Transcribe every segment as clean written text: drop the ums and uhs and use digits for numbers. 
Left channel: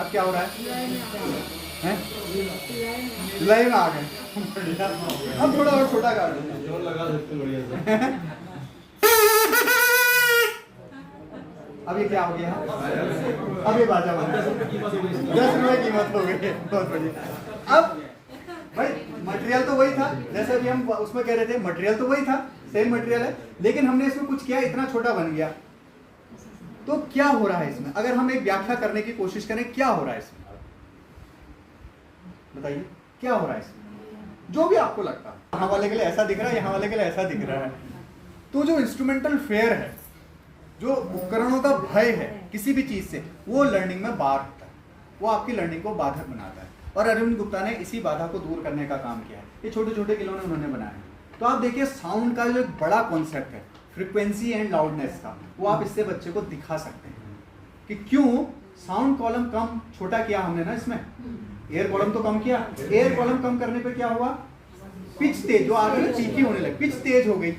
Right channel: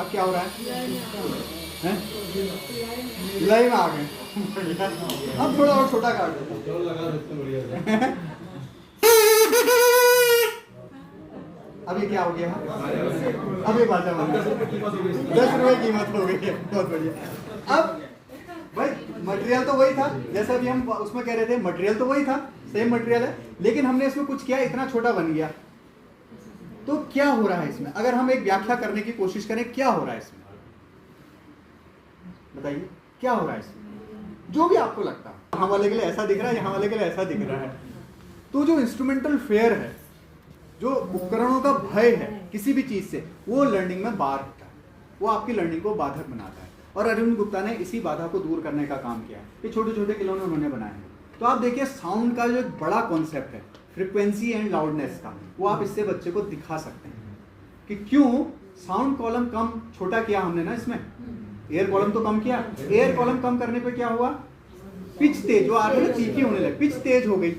अब क्या हो रहा है? जुलाई में आ गए। अब थोड़ा और छोटा कर दो, लगा सकते बढ़िया से। अभी क्या हो गया? अभी बाजा बन गया, 10 रुपए कीमत हो गई। बहुत बढ़िया। अब भाई मटेरियल तो वही था, जैसे अभी हम उसमें कह रहे थे, मटेरियल तो वही था, सेम मटेरियल है, लेकिन हमने इसमें कुछ किया, इतना छोटा बन गया। तो क्या हो रहा है इसमें? अगर हम एक व्याख्या करने की कोशिश करें, क्या हो रहा है इसमें? बताइए क्या हो रहा है इसमें? जो भी आपको लगता है, यहाँ वाले के लिए ऐसा दिख रहा है, यहाँ वाले के लिए ऐसा दिख रहा है। तो जो इंस्ट्रूमेंटल फेयर है, जो उपकरणों का भय है किसी भी चीज से, वो लर्निंग में बार होता है, वो आपकी लर्निंग को बाधक बनाता है। और अरविंद गुप्ता ने इसी बाधा को दूर करने का काम किया है। ये छोटे छोटे खिलौने उन्होंने बनाए हैं। तो आप देखिए, साउंड का जो एक बड़ा कॉन्सेप्ट है, फ्रीक्वेंसी एंड लाउडनेस का, वो आप इससे बच्चे को दिखा सकते हैं कि क्यों साउंड कॉलम कम छोटा किया हमने ना, इसमें एयर कॉलम तो कम किया, एयर कॉलम कम करने पे क्या हुआ? पिच तेज, जो आगे ना चीखी होने लगी, पिच तेज हो गई,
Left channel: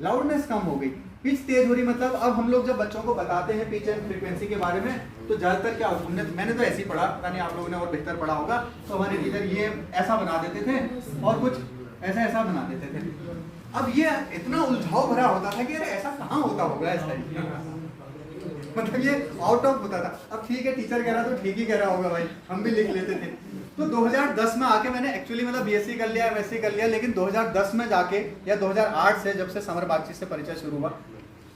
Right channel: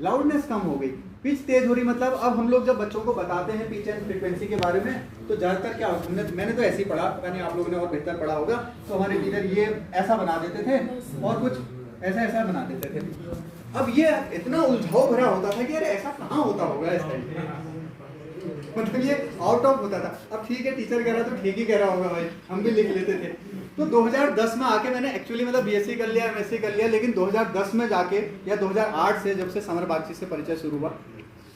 लाउडनेस कम हो गई। पिच तेज हो रही मतलब अब हम लोग जब बच्चों को बताते हैं पिच एंड फ्रीक्वेंसी के बारे में, तो ज्यादातर क्या होता है, मैंने तो ऐसे ही पढ़ा, पता नहीं आप लोगों ने और बेहतर पढ़ा होगा, तो हमारे टीचर ये ऐसा बना देते थे और कुछ ऐसा ऐसा बना देते थे। अब ये इतना उलझाव भरा होता था कि अरे ऐसा कहाँ होता होगा इस टाइम, मतलब ये आउट ऑफ होता था। अब ठीक है, टीचर कह रहा तो ठीक ही कह रहा होगा भाई, हम भी लिख लेते थे। तो 2010 में आके मैंने एक्चुअली मतलब बीएससी कर लिया, एमएससी कर लिया, लेकिन 2010 में जाके या 2008 से जब से समर बागची से परिचय शुरू हुआ,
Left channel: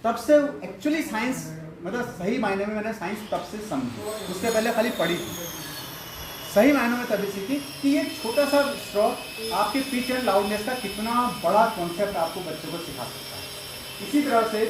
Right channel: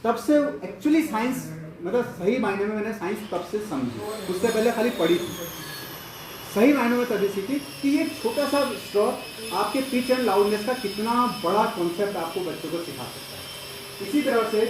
तब से एक्चुअली साइंस मतलब सही मायने में मैंने साइंस तब से समझी, उससे पहले खाली पढ़ी थी। सही मायने में तभी सीखी कि ये छोटा सा स्ट्रॉ आपके पिच एंड लाउडनेस का कितना बड़ा कॉन्सेप्ट आपको बच्चों को सिखा सकता है। इसी तरह से